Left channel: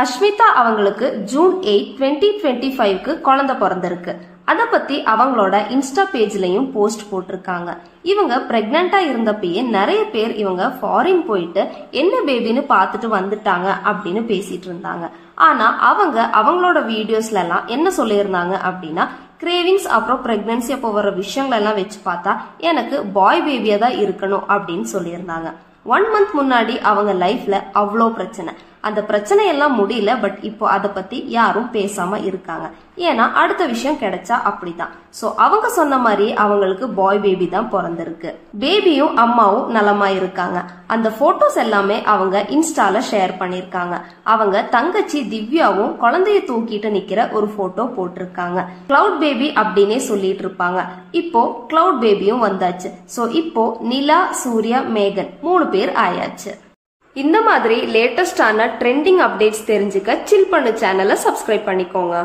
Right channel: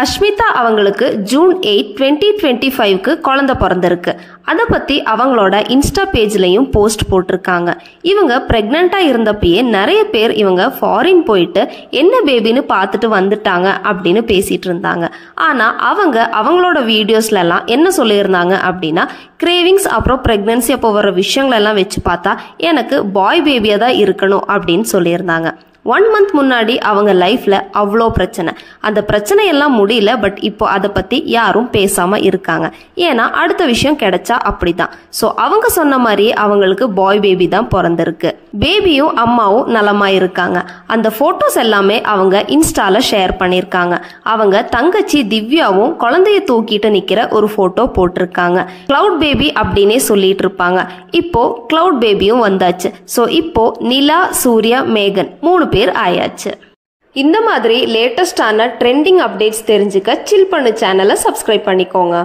அஷ்மிதா அவங்களுக்கு ஜூன் 8, 2025க்கு குழந்தை பிறந்திருக்கு. அதை பத்தி அவங்களோட இன்ஸ்டா பேஜ்லயும் போஸ்ட் போட்டிருக்காங்க. இவங்க பிரெக்னண்டா இருந்தப்பயே நிறைய பேர் இவங்க ஃபாரின் போயிட்டு என்ன பேபின்னு பார்த்துட்டு வந்துட்டாங்க அப்படின்னு பேசிட்டு இருந்தாங்க. ஆனா அவங்களோட வீடியோஸ்ல எல்லாம் என்ன சொல்லியிருந்தாங்க அப்படின்னா, கிரேவிங்ஸ் அப்புறம் பிரெக்னன்சி அப்போ வர விஷயங்கள் எல்லாம் வச்சு பார்த்தா எனக்கு பாய் பேபியா தான் இருக்கணும் அப்படின்னு சொல்லியிருந்தாங்க. 1 month முன்னாடி அவங்க லைஃப்ல அவ்வளோ பிரச்சனை, அந்த பிரச்சனை எல்லாம் முடியல. பட் இப்போ அதை பத்தி யாரும் பேசாம இருக்காங்க. ஏன்னா அடுத்த விஷயம் கிடைச்சா அப்படிதான். சோ அவங்க சொன்ன மாதிரி அவங்களுக்கு பாய் பேபி தான் பிறந்திருக்கு. பேபியும் அம்மாவும் நலமா இருக்காங்க. அந்த போட்டோஸ் எல்லாமே அவங்க இன்ஸ்டால ஷேர் பண்ணிருக்காங்க. அவங்க தங்கச்சி திவ்யாவும் குழந்தைய தூக்கிட்டு நிக்கிற ஒரு போட்டோ போட்டிருக்காங்க. கிளவுட் பேபி அப்படின்னே சொல்லிட்டு இருப்பாங்க. இப்போ கிளவுட் பேபியும் வந்தாச்சு. சோ இப்போ நிலா, சூர்யா, மேகன் 3 பேர் ஆயாச்சு. இந்த மாதிரி லேட்டஸ்டான ட்ரெண்டிங் அப்டேட்ஸ் தெரிஞ்சுக்க சில் பண்ணு சேனலை சப்ஸ்கிரைப் பண்ணிக்கோங்க.